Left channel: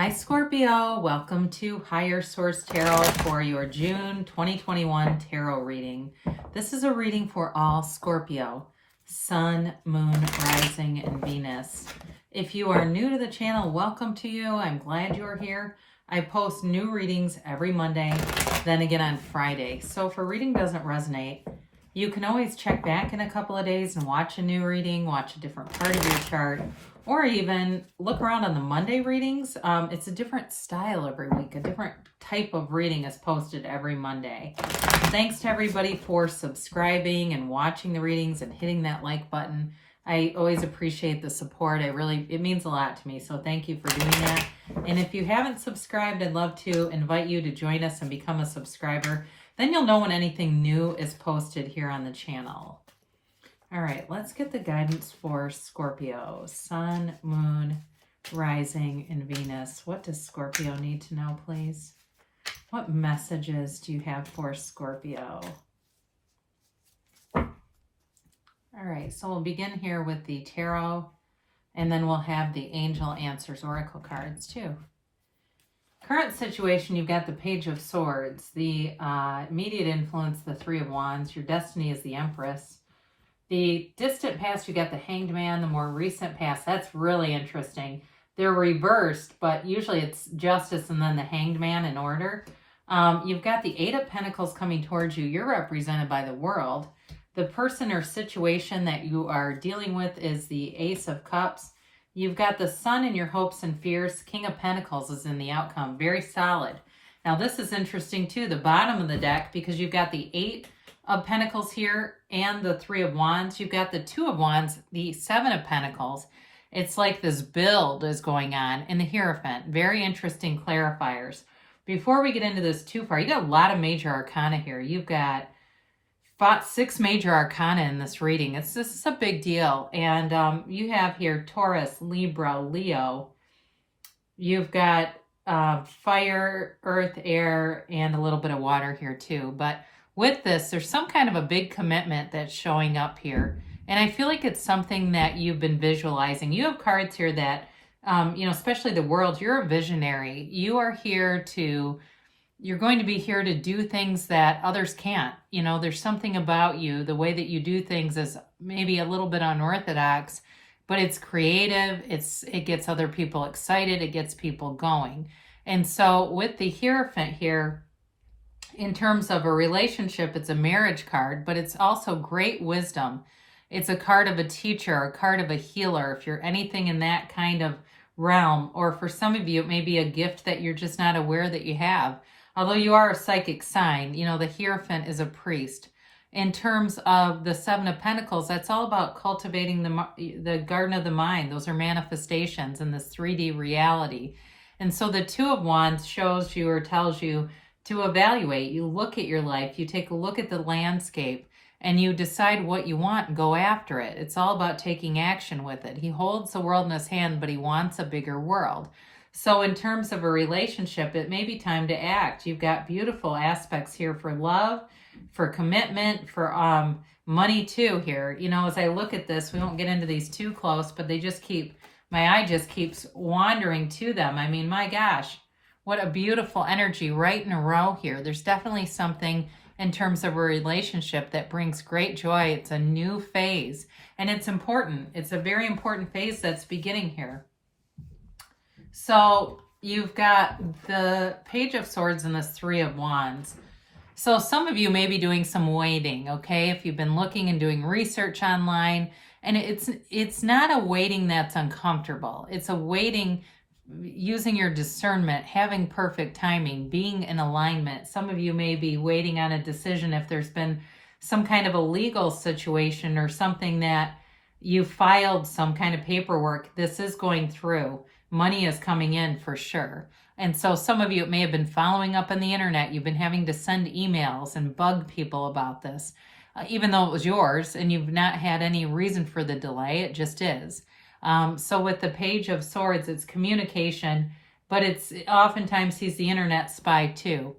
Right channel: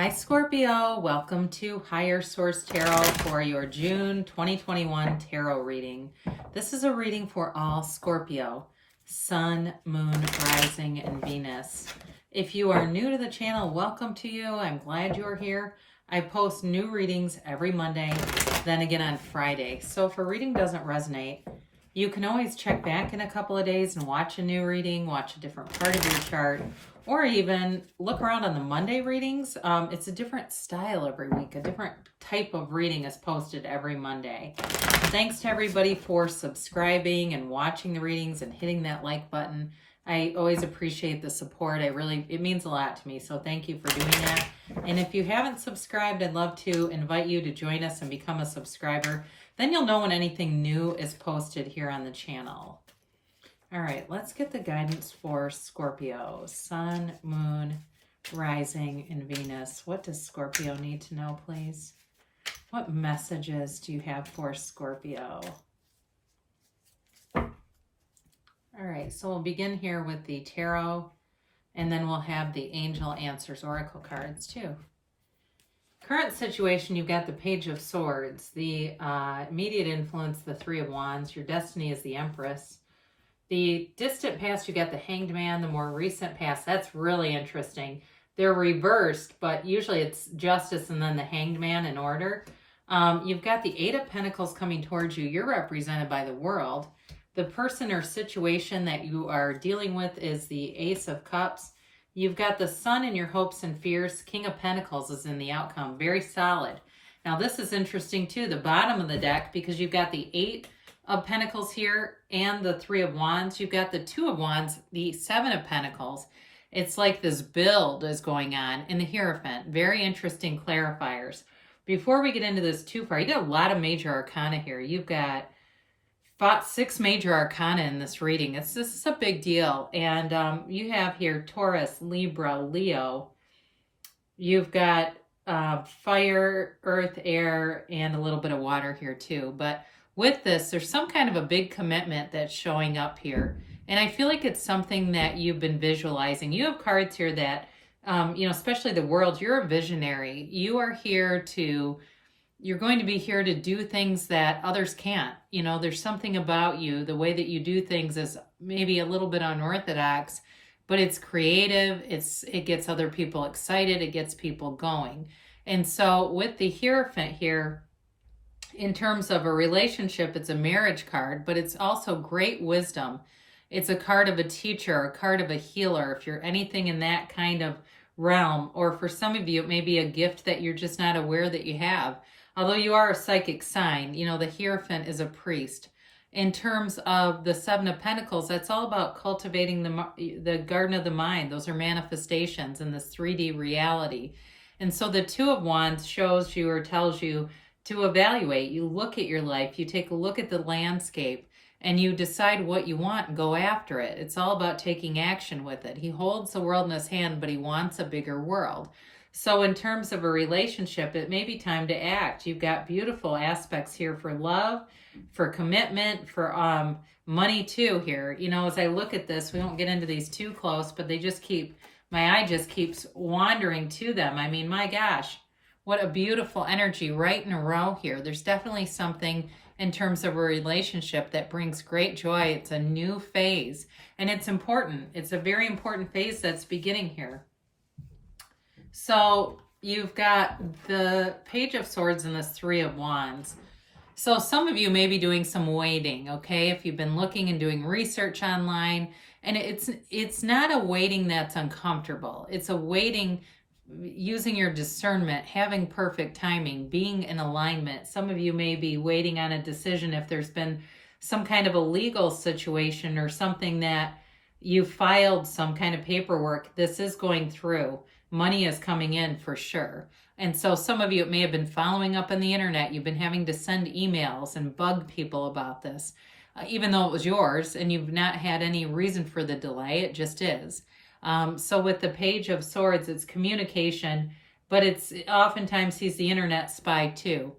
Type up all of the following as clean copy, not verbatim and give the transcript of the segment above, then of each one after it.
Hi Scorpio, welcome to Higher Source Tarot for your June 2021 tarot reading. This is a reading for all Scorpio, Sun, Moon, Rising, and Venus. If you are new to the channel, welcome to you. I'm glad you're here. I post new readings every Monday, then again on Friday. So if a reading doesn't resonate, you can always check back in a couple of days and watch a new reading, watch a different part of your chart, or even look around on the Monday readings. It's a different style every week. A different type of reading is posted every Monday. Thanks to everybody for subscribing and watching the readings and hitting that like button. I always appreciate the support. It means a lot to me. So thank you for doing that. And if you haven't subscribed, I'd love to invite you to join us and become a subscriber. Then you'll know when anything new is posted here on the channel. All right, let's get the guidance for Scorpio. Sun, Moon, Rising, and Venus. What does Scorpio need to know, please? What messages do you have for Scorpio? All right, so we'll begin here with the tarot, and then we'll have the Angel Answers Oracle cards too. Current situation, you've got the Page of Swords. The immediate influence, the Three of Wands. Your destiny is the Empress. The distant past, you got the Hanged Man. The more recent past, that's really interesting. They're reversed, but usually it's Justice and then the Hanged Man in order. You've got the Eight of Pentacles coming towards you. You're represented by the World. The person or situation that you are dealing with is the Ace of Cups. You've got the Sun in your hopes and fears. King of Pentacles is in the outcome. Very solid. Now this is interesting too, the bottom of the deck, because you've got the Eight of Pentacles here and the Three of Wands. You've got the Two of Wands, the Seven of Pentacles. It's like this build is going on in the hierophant. Very interesting clarifiers. Before we get into this too far, you got a lot of major arcana here. You've got 6 major arcana in this reading. This is a big deal. And you have here Taurus, Libra, Leo. You've got fire, earth, air, and a little bit of water here too. But with this, there's some kind of a big commitment that's showing up here. And I feel like it's something that you've been visualizing. You have cards here that, especially the World, you're a visionary. You are here to, you're going to be here to do things that others can't. There's something about you. The way that you do things is maybe a little bit unorthodox, but it's creative. It gets other people excited. It gets people going. And so with the Hierophant here, in terms of a relationship, it's a marriage card, but it's also great wisdom. It's a card of a teacher, a card of a healer, if you're anything in that kind of realm. Or for some of you, it may be a gift that you're just not aware that you have. Although you are a psychic sign, the Hierophant is a priest. In terms of the Seven of Pentacles, that's all about cultivating the garden of the mind. Those are manifestations in this 3D reality. And so the Two of Wands shows you or tells you to evaluate. You look at your life, you take a look at the landscape, and you decide what you want and go after it. It's all about taking action with it. He holds the world in his hand, but he wants a bigger world. So in terms of a relationship, it may be time to act. You've got beautiful aspects here for love, for commitment, for money too here. As I look at this, we won't get into these too close, but my eye just keeps wandering to them. I mean, my gosh. What a beautiful energy right in a row here. There's definitely something in terms of a relationship that brings great joy. It's a new phase, and it's important. It's a very important phase that's beginning here. So you've got the Page of Swords and this Three of Wands. So some of you may be doing some waiting, okay? If you've been looking and doing research online, and it's not a waiting that's uncomfortable. It's a waiting using your discernment, having perfect timing, being in alignment. Some of you may be waiting on a decision if there's been some kind of a legal situation or something that you filed some kind of paperwork. This is going through. Money is coming in for sure. And so some of you, it may have been following up on the internet. You've been having to send emails and bug people about this, even though it was yours and you've not had any reason for the delay. It just is. So with the Page of Swords, it's communication, but it's oftentimes he's the internet spy too.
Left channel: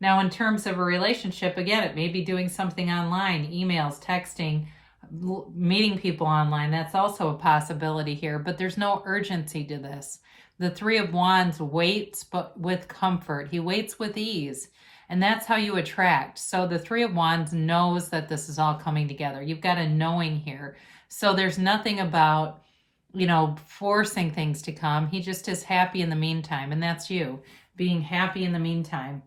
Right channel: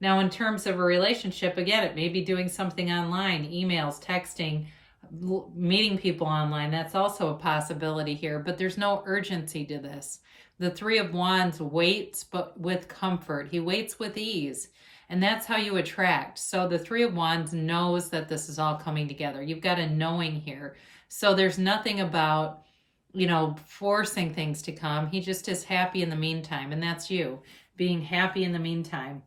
Now, in terms of a relationship, again, it may be doing something online, emails, texting, meeting people online. That's also a possibility here, but there's no urgency to this. The Three of Wands waits, but with comfort. He waits with ease. And that's how you attract. So the Three of Wands knows that this is all coming together. You've got a knowing here. So there's nothing about, forcing things to come. He just is happy in the meantime. And that's you, being happy in the meantime.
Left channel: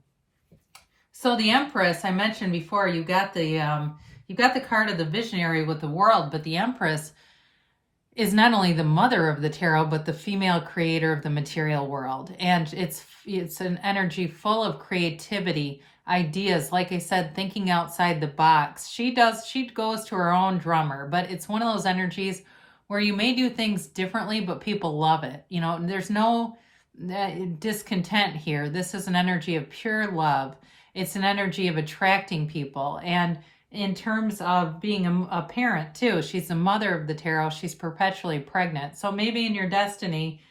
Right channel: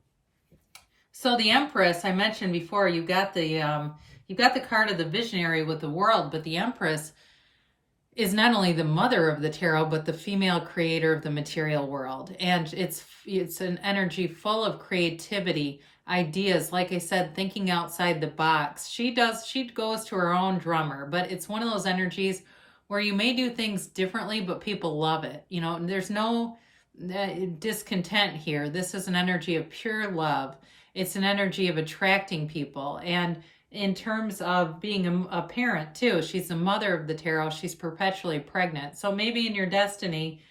So the Empress, I mentioned before, you got the card of the visionary with the world, but the Empress is not only the mother of the tarot, but the female creator of the material world. And it's an energy full of creativity, ideas, like I said, thinking outside the box. She goes to her own drummer, but it's one of those energies where you may do things differently, but people love it. There's no discontent here. This is an energy of pure love. It's an energy of attracting people. And in terms of being a parent too, she's the mother of the tarot. She's perpetually pregnant. So maybe in your destiny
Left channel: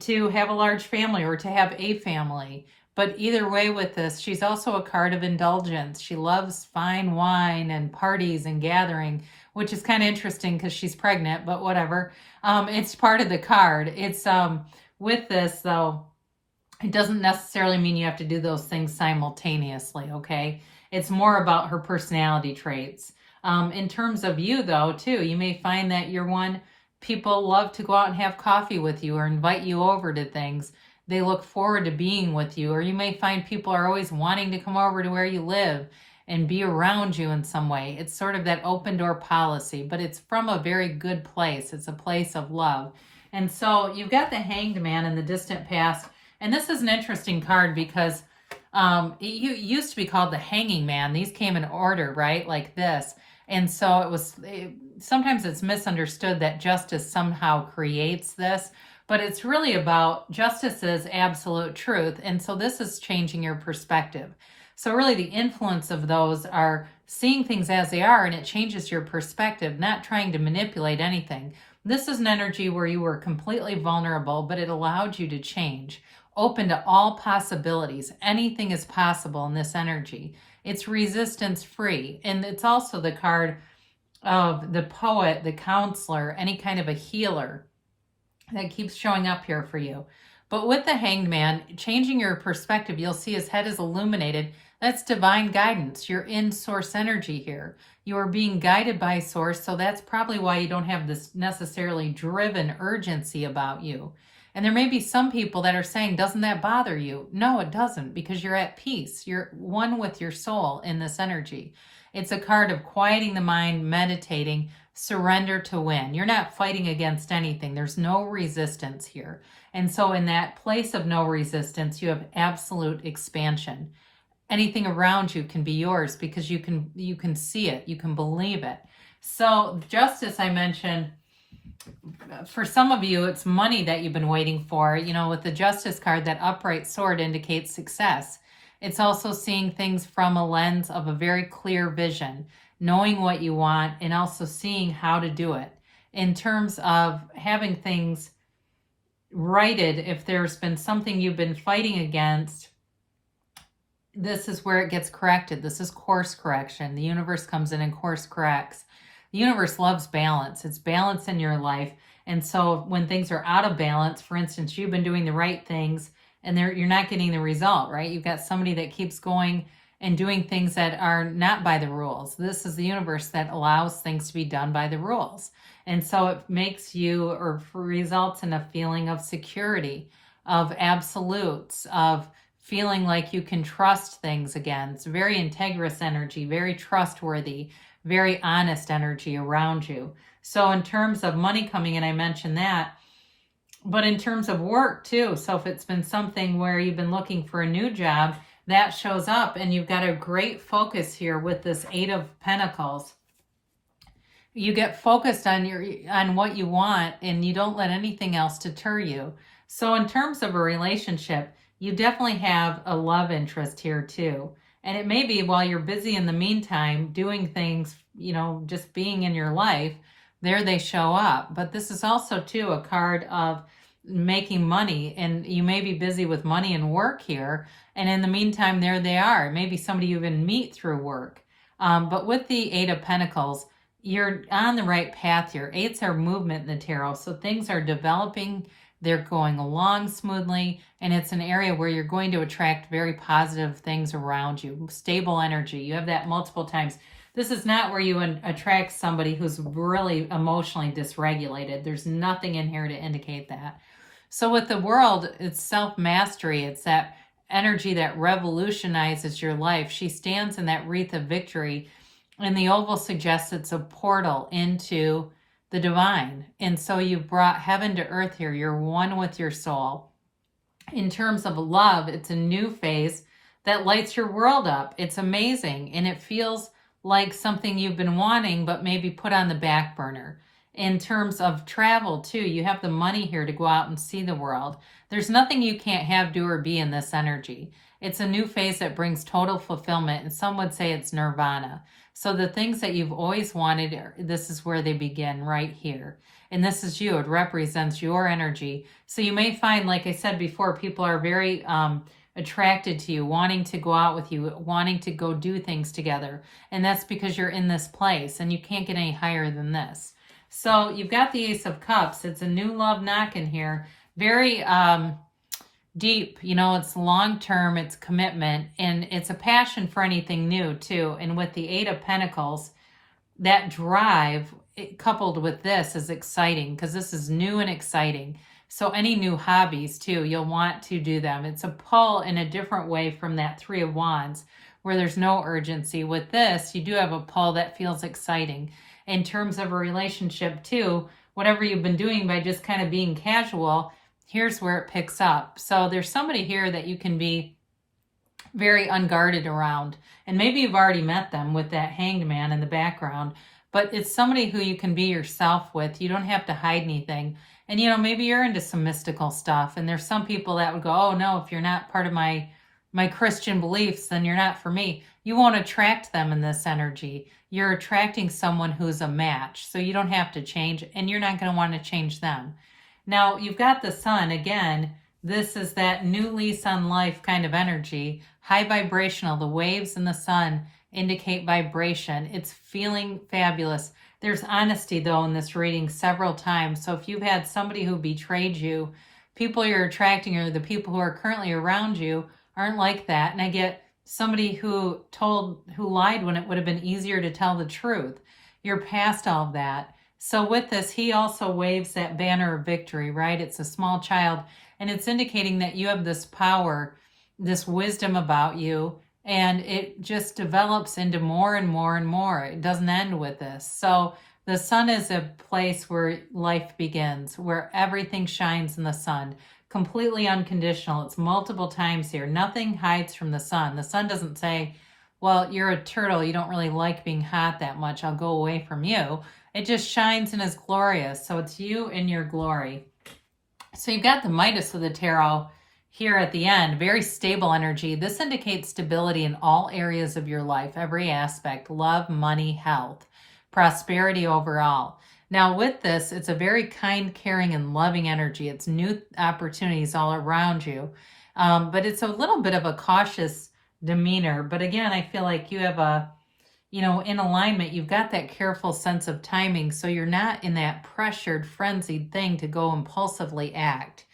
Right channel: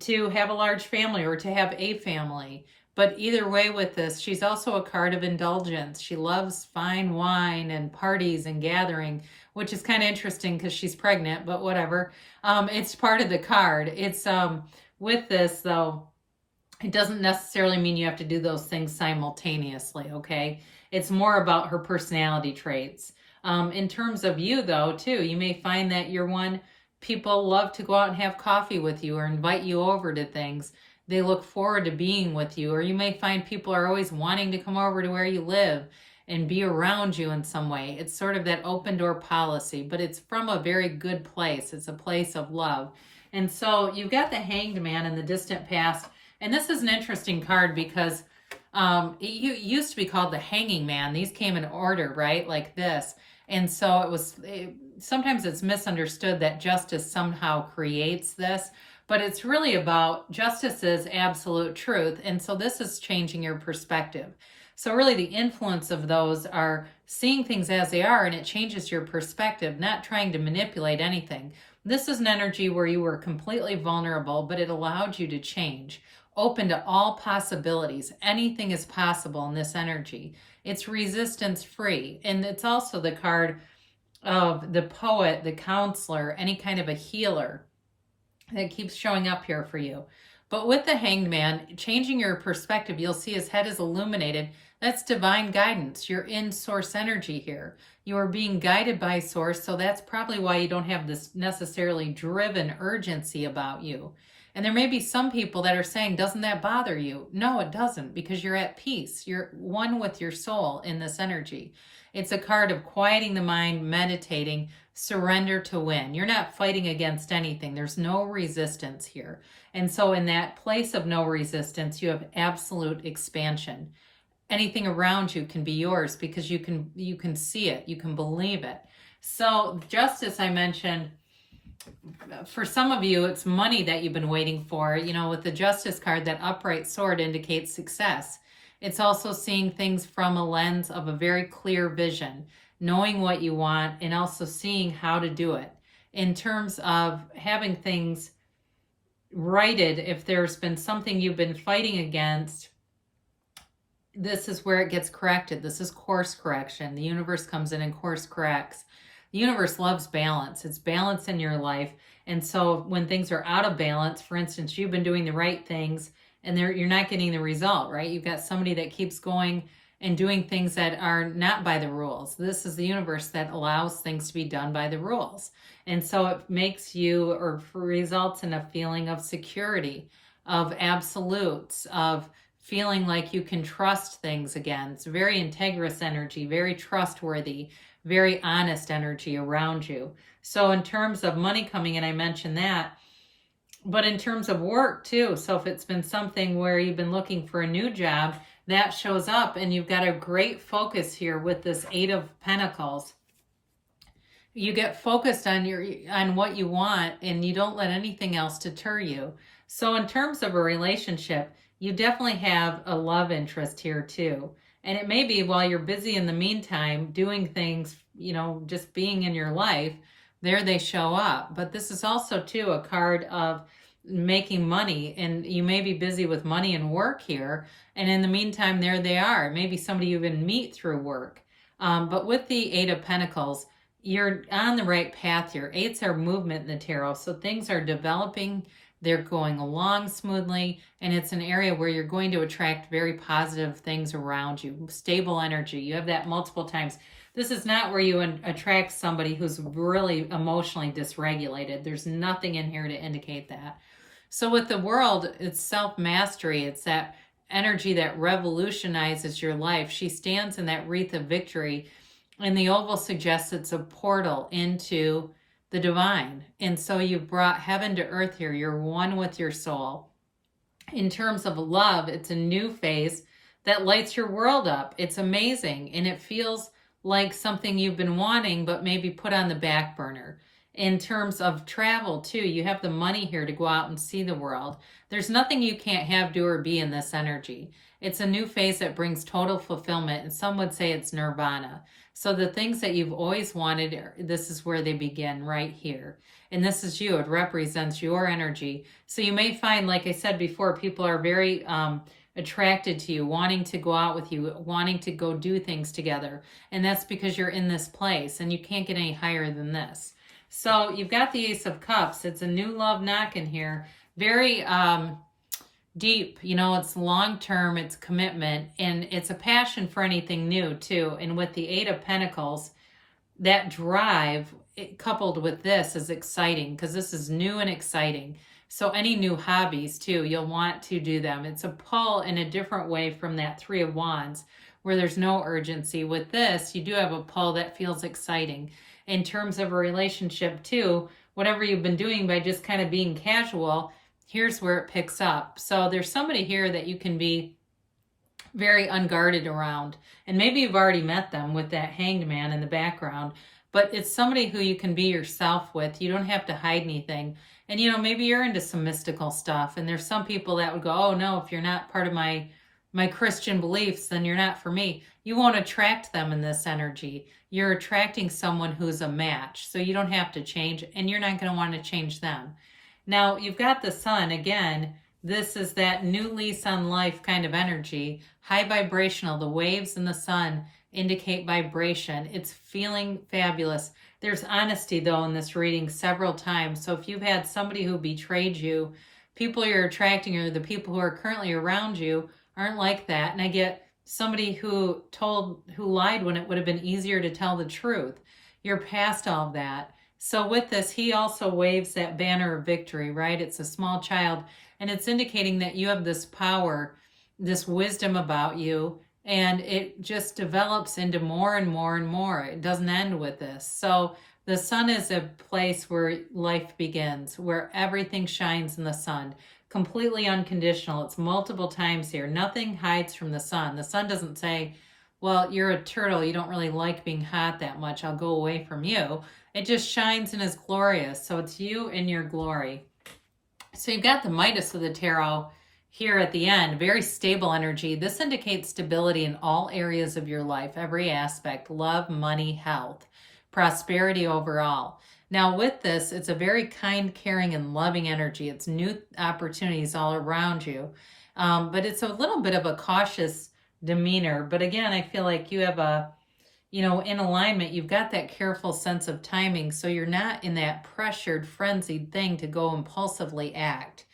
to have a large family or to have a family. But either way with this, she's also a card of indulgence. She loves fine wine and parties and gathering, which is kind of interesting because she's pregnant, but whatever. It's part of the card. It's with this though, it doesn't necessarily mean you have to do those things simultaneously, okay? It's more about her personality traits. In terms of you, though, too, you may find that you're one people love to go out and have coffee with you or invite you over to things. They look forward to being with you. Or you may find people are always wanting to come over to where you live and be around you in some way. It's sort of that open door policy, but it's from a very good place. It's a place of love. And so you've got the Hanged Man in the distant past. And this is an interesting card because it used to be called the Hanging Man. These came in order, right? Like this. And so sometimes it's misunderstood that justice somehow creates this, but it's really about justice is absolute truth. And so this is changing your perspective. So really the influence of those are seeing things as they are, and it changes your perspective, not trying to manipulate anything. This is an energy where you were completely vulnerable, but it allowed you to change. Open to all possibilities. Anything is possible in this energy. It's resistance free. And it's also the card of the poet, the counselor, any kind of a healer that keeps showing up here for you. But with the Hanged Man, changing your perspective, you'll see his head is illuminated. That's divine guidance. You're in source energy here. You are being guided by source. So that's probably why you don't have this necessarily driven urgency about you. And there may be some people that are saying, doesn't that bother you? No, it doesn't, because you're at peace. You're one with your soul in this energy. It's a card of quieting the mind, meditating, surrender to win. You're not fighting against anything. There's no resistance here. And so in that place of no resistance, you have absolute expansion. Anything around you can be yours because you can see it. You can believe it. So justice, I mentioned, for some of you, it's money that you've been waiting for. With the Justice card, that upright sword indicates success. It's also seeing things from a lens of a very clear vision, knowing what you want, and also seeing how to do it. In terms of having things righted, if there's been something you've been fighting against, this is where it gets corrected. This is course correction. The universe comes in and course corrects. The universe loves balance. It's balance in your life. And so when things are out of balance, for instance, you've been doing the right things and you're not getting the result, right? You've got somebody that keeps going and doing things that are not by the rules. This is the universe that allows things to be done by the rules. And so it makes you, or results in a feeling of security, of absolutes, of feeling like you can trust things again. It's very integrous energy, very trustworthy, very honest energy around you. So in terms of money coming in, I mentioned that. But in terms of work too, so if it's been something where you've been looking for a new job, that shows up, and you've got a great focus here with this Eight of Pentacles. You get focused on what you want, and you don't let anything else deter you. So in terms of a relationship, you definitely have a love interest here too. And it may be while you're busy in the meantime doing things, just being in your life, there they show up. But this is also too a card of making money, and you may be busy with money and work here. And in the meantime, there they are. Maybe somebody you even meet through work. But with the Eight of Pentacles, you're on the right path here. Eights are movement in the tarot. So things are developing They're going along smoothly, and it's an area where you're going to attract very positive things around you, stable energy. You have that multiple times. This is not where you attract somebody who's really emotionally dysregulated. There's nothing in here to indicate that. So with the world, it's self-mastery. It's that energy that revolutionizes your life. She stands in that wreath of victory, and the oval suggests it's a portal into the divine. And so you've brought heaven to earth here. You're one with your soul. In terms of love, it's a new phase that lights your world up. It's amazing, and it feels like something you've been wanting but maybe put on the back burner. In terms of travel too, you have the money here to go out and see the world. There's nothing you can't have, do, or be in this energy. It's a new phase that brings total fulfillment, and some would say it's nirvana. So the things that you've always wanted, this is where they begin, right here. And this is you. It represents your energy. So you may find, like I said before, people are very attracted to you, wanting to go out with you, wanting to go do things together. And that's because you're in this place, and you can't get any higher than this. So you've got the Ace of Cups. It's a new love knocking here. Very deep, you know, it's long-term, it's commitment, and it's a passion for anything new too. And with the Eight of Pentacles, that drive coupled with this is exciting, because this is new and exciting. So any new hobbies too, you'll want to do them. It's a pull in a different way from that Three of Wands, where there's no urgency. With this, you do have a pull that feels exciting. In terms of a relationship too, whatever you've been doing by just kind of being casual, here's where it picks up. So there's somebody here that you can be very unguarded around. And maybe you've already met them with that Hanged Man in the background, but it's somebody who you can be yourself with. You don't have to hide anything. And, you know, maybe you're into some mystical stuff, and there's some people that would go, oh no, if you're not part of my Christian beliefs, then you're not for me. You won't attract them in this energy. You're attracting someone who's a match. So you don't have to change, and you're not going to want to change them. Now, you've got the Sun. Again, this is that new lease on life kind of energy. High vibrational. The waves in the sun indicate vibration. It's feeling fabulous. There's honesty, though, in this reading several times. So if you've had somebody who betrayed you, people you're attracting, or the people who are currently around you, aren't like that. And I get somebody who lied when it would have been easier to tell the truth. You're past all of that. So with this, he also waves that banner of victory, right? It's a small child, and it's indicating that you have this power, this wisdom about you, and it just develops into more and more and more. It doesn't end with this. So the sun is a place where life begins, where everything shines in the sun. Completely unconditional. It's multiple times here. Nothing hides from the sun. The sun doesn't say, well, you're a turtle. You don't really like being hot that much. I'll go away from you. It just shines and is glorious. So it's you in your glory. So you've got the Midas of the Tarot here at the end. Very stable energy. This indicates stability in all areas of your life, every aspect: love, money, health, prosperity overall. Now with this, it's a very kind, caring, and loving energy. It's new opportunities all around you. But it's a little bit of a cautious demeanor. But again, I feel like you have a, you know, in alignment, you've got that careful sense of timing, so you're not in that pressured, frenzied thing to go impulsively act.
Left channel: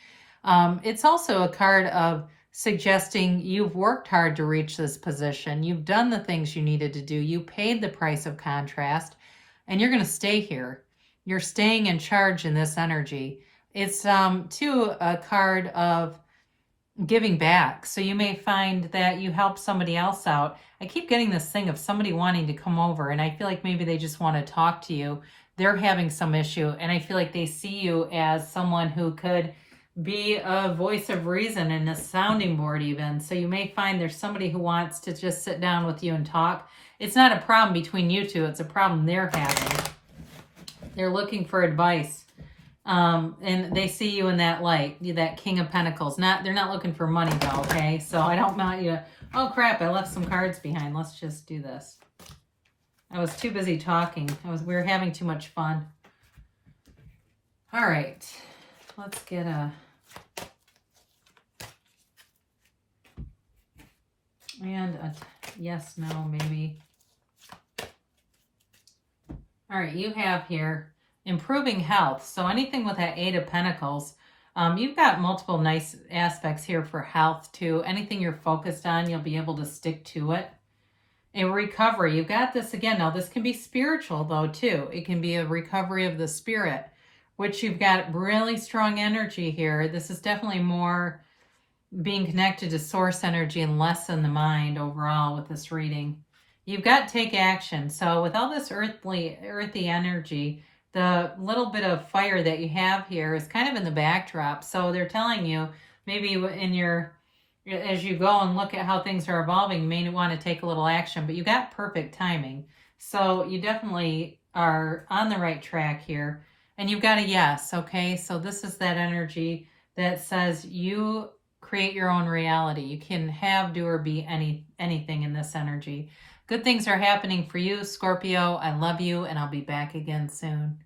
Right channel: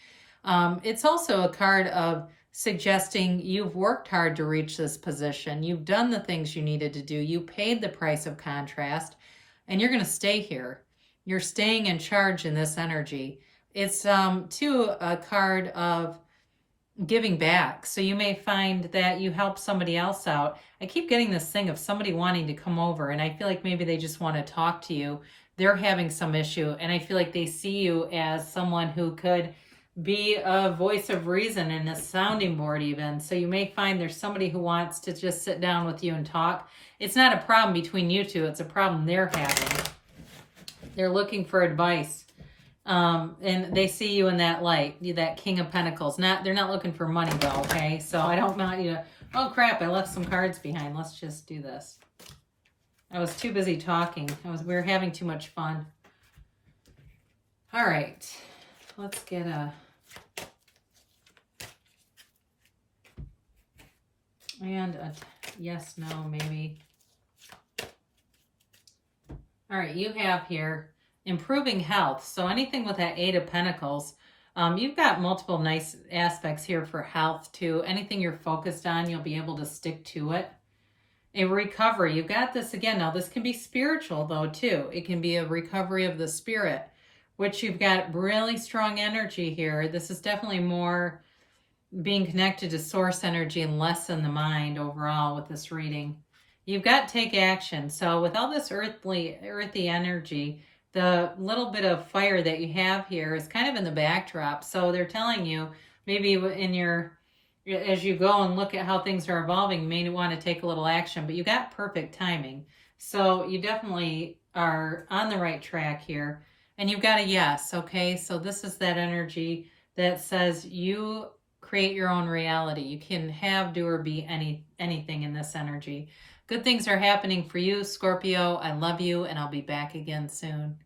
It's also a card of suggesting you've worked hard to reach this position. You've done the things you needed to do. You paid the price of contrast, and you're going to stay here. You're staying in charge in this energy. It's, too, a card of giving back. So you may find that you help somebody else out. I keep getting this thing of somebody wanting to come over, and I feel like maybe they just want to talk to you. They're having some issue, and I feel like they see you as someone who could be a voice of reason and a sounding board even. So you may find there's somebody who wants to just sit down with you and talk. It's not a problem between you two. It's a problem they're having. They're looking for advice. And they see you in that light, that King of Pentacles. They're not looking for money though, okay? So I don't want you to, oh crap, I left some cards behind. Let's just do this. I was too busy talking. We were having too much fun. All right, let's get a, and a yes, no, maybe. All right, you have here improving health. So anything with that Eight of Pentacles, You've got multiple nice aspects here for health too. Anything you're focused on, you'll be able to stick to it. In recovery, you've got this again. Now, this can be spiritual though too. It can be a recovery of the spirit, which you've got really strong energy here. This is definitely more being connected to source energy and less in the mind overall with this reading. You've got take action. So with all this earthy energy, the little bit of fire that you have here is kind of in the backdrop. So they're telling you maybe in your, as you go and look at how things are evolving, you may want to take a little action, but you got perfect timing. So you definitely are on the right track here. And you've got a yes, okay? So this is that energy that says you create your own reality. You can have, do, or be anything in this energy. Good things are happening for you, Scorpio. I love you, and I'll be back again soon.